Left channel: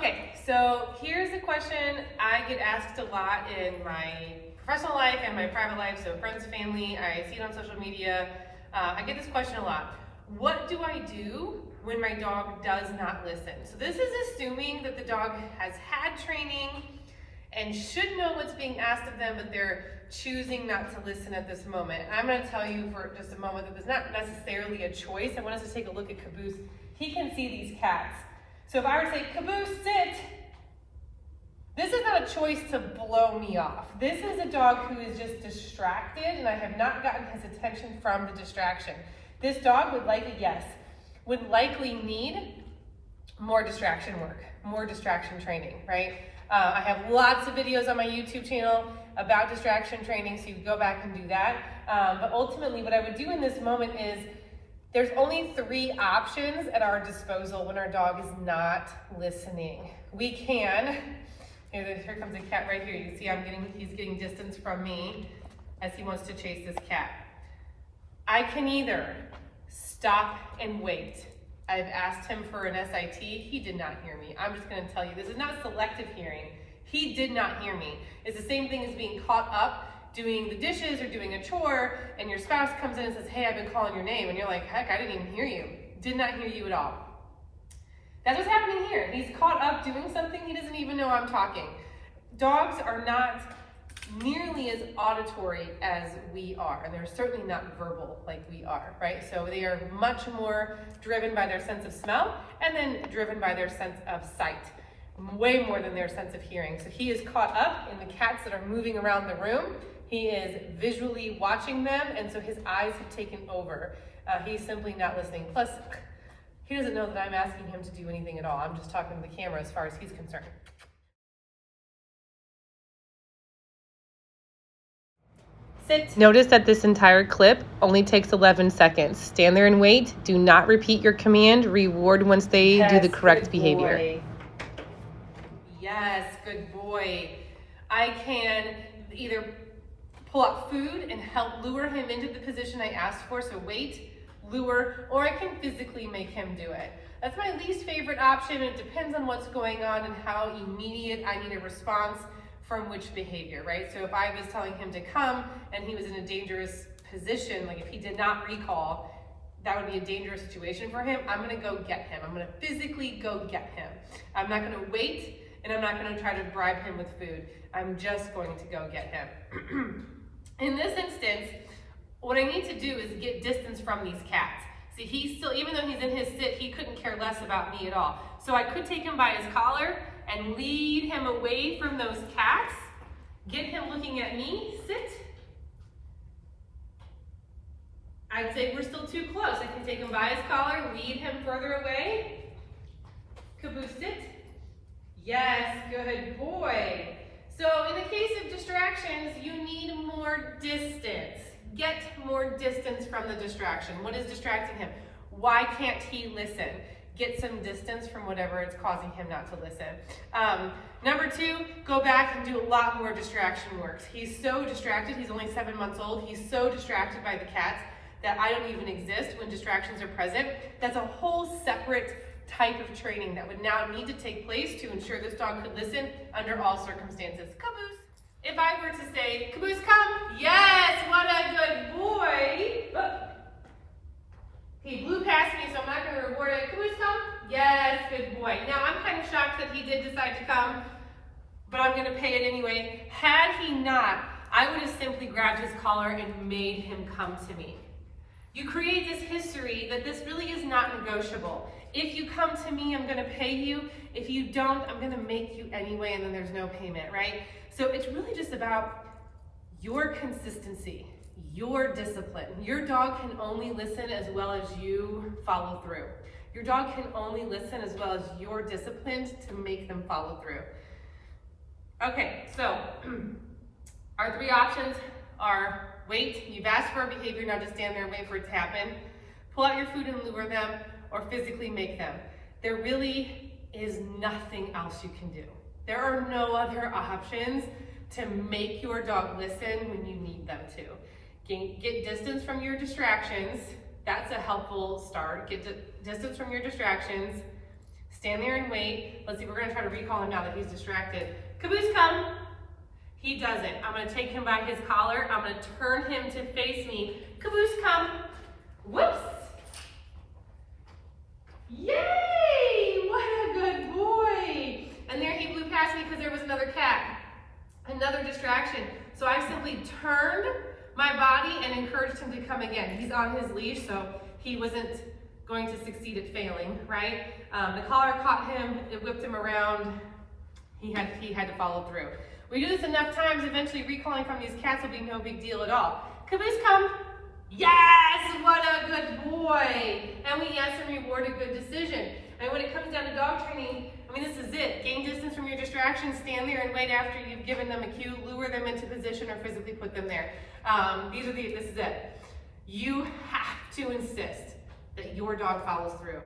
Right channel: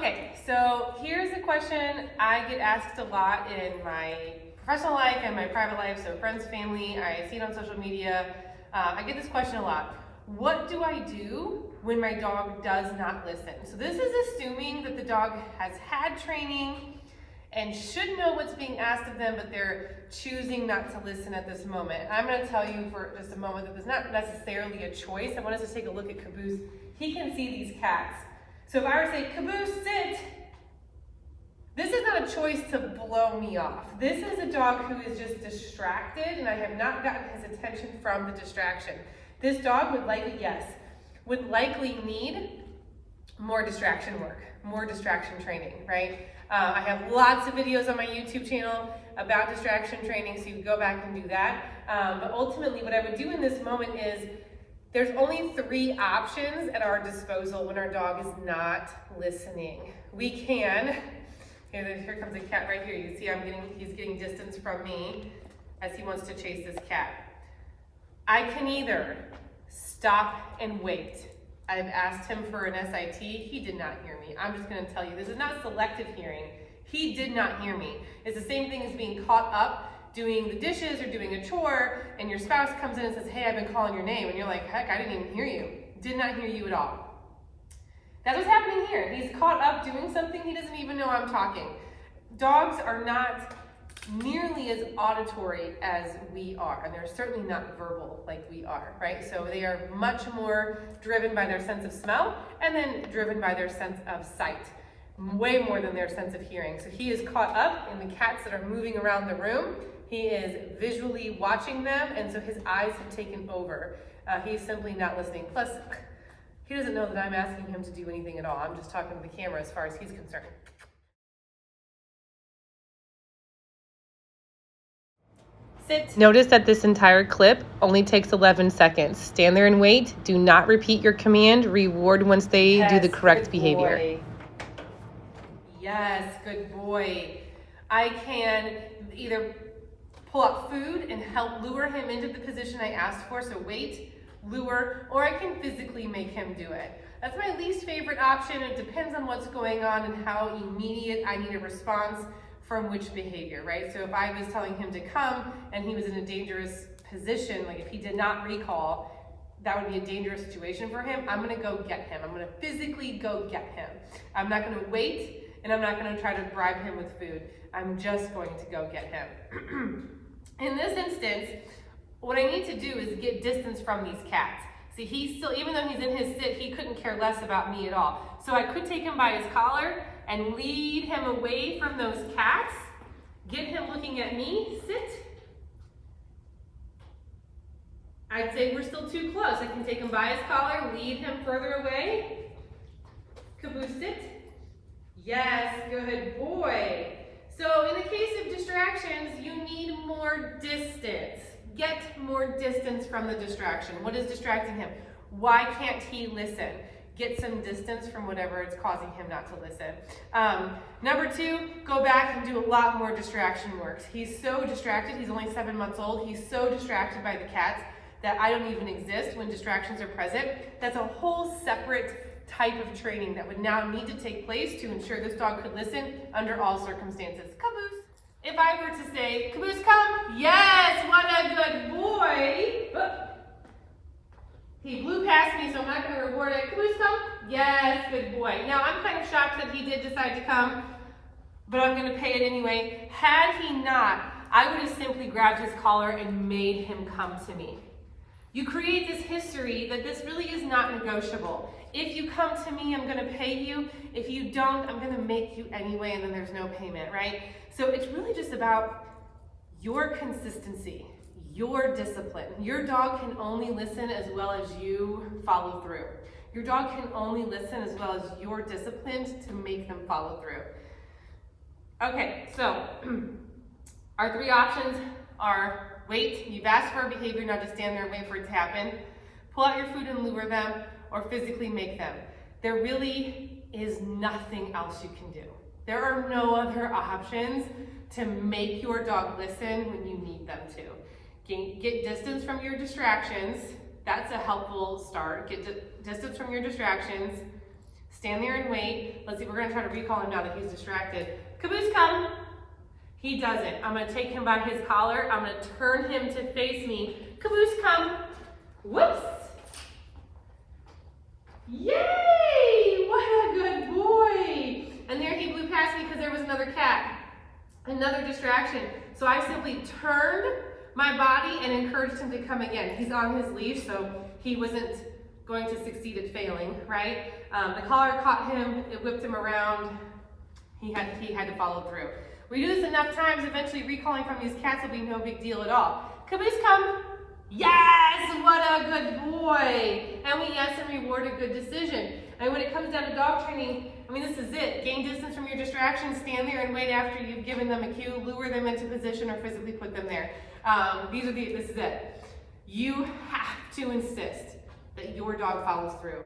Okay, so here's a question I get asked a lot in my professional life and my private life, so friends, family, I see it on social media. I get this question a lot. What do I do when my dog does not listen? So this is assuming that the dog has had training and should know what's being asked of them, but they're choosing not to listen at this moment. I'm going to tell you for just a moment that there's not necessarily a choice. I want us to take a look at Caboose. He can see these cats. So if I were to say, Caboose, sit, this is not a choice to blow me off. This is a dog who is just distracted, and I have not gotten his attention from the distraction. This dog would likely need more distraction work, more distraction training, right? I have lots of videos on my YouTube channel about distraction training, so you can go back and do that. But ultimately, what I would do in this moment is, there's only 3 options at our disposal when our dog is not listening. We can, here comes a cat right here. You see he's getting distance from me as he wants to chase this cat. I can either stop and wait. I've asked him for an SIT, he did not hear me. I'm just gonna tell you, this is not selective hearing. He did not hear me. It's the same thing as being caught up doing the dishes or doing a chore, and your spouse comes in and says, hey, I've been calling your name, and you're like, heck, I didn't even hear you. Did not hear you at all. That's what's happening here. He's caught up doing something, he doesn't even know I'm talking. Dogs are not nearly as auditory as we are, and they're certainly not verbal like we are, right? So they are much more driven by their sense of smell, and then driven by their sense of sight, way more than their sense of hearing. So he is caught up in the cats that are moving around the room. He is visually watching them, and so his eyes have taken over. He's simply not listening. Plus, he doesn't know that I'm asking him to do anything at all. I'm just talking to the camera as far as he's concerned. Sit. Notice that this entire clip only takes 11 seconds. Stand there and wait. Do not repeat your command. Reward once they do the correct behavior. Yes, good boy. I can either pull out food and help lure him into the position I asked for, so wait, lure, or I can physically make him do it. That's my least favorite option. It depends on what's going on and how immediate I need a response from which behavior, right? So if I was telling him to come and he was in a dangerous position, like if he did not recall, that would be a dangerous situation for him. I'm gonna go get him. I'm gonna physically go get him. I'm not gonna wait, and I'm not gonna try to bribe him with food. I'm just going to go get him. In this instance, what I need to do is get distance from these cats. See, he's still, even though he's in his sit, he couldn't care less about me at all. So I could take him by his collar and lead him away from those cats, get him looking at me, sit. I'd say we're still too close. I can take him by his collar, lead him further away. Caboose, sit. Yes, good boy. So in the case of distractions, you need more distance. Get more distance from the distraction. What is distracting him? Why can't he listen? Get some distance from whatever is causing him not to listen. Number 2, go back and do a lot more distraction work. He's so distracted, he's only 7 months old, he's so distracted by the cats that I don't even exist when distractions are present. That's a whole separate type of training that would now need to take place to ensure this dog could listen under all circumstances. Caboose. If I were to say, Caboose, come. Yes, what a good boy. Oh. He blew past me, so I'm not going to reward it. Caboose, come. Yes, good boy. Now, I'm kind of shocked that he did decide to come, but I'm going to pay it anyway. Had he not, I would have simply grabbed his collar and made him come to me. You create this history that this really is not negotiable. If you come to me, I'm gonna pay you. If you don't, I'm gonna make you anyway, and then there's no payment, right? So it's really just about your consistency, your discipline. Your dog can only listen as well as you follow through. Your dog can only listen as well as you're disciplined to make them follow through. Okay, so our 3 options are wait, you've asked for a behavior, now just stand there and wait for it to happen. Pull out your food and lure them, or physically make them. There really is nothing else you can do. There are no other options to make your dog listen when you need them to. Get distance from your distractions. That's a helpful start. Get distance from your distractions. Stand there and wait. Let's see, we're gonna try to recall him now that he's distracted. Caboose, come. He doesn't. I'm gonna take him by his collar. I'm gonna turn him to face me. Caboose, come. Whoops. Yay! What a good boy. And there he blew past me because there was another cat. Another distraction. So I simply turned my body and encouraged him to come again. He's on his leash, so he wasn't going to succeed at failing, right? The collar caught him, it whipped him around. He had to follow through. We do this enough times, eventually recalling from these cats will be no big deal at all. Caboose, come. Yes, what a good boy. And we yes and reward a good decision. And when it comes down to dog training, I mean, this is it. Gain distance from your distractions, stand there and wait after you've given them a cue, lure them into position or physically put them there. This is it. You have to insist that your dog follows through.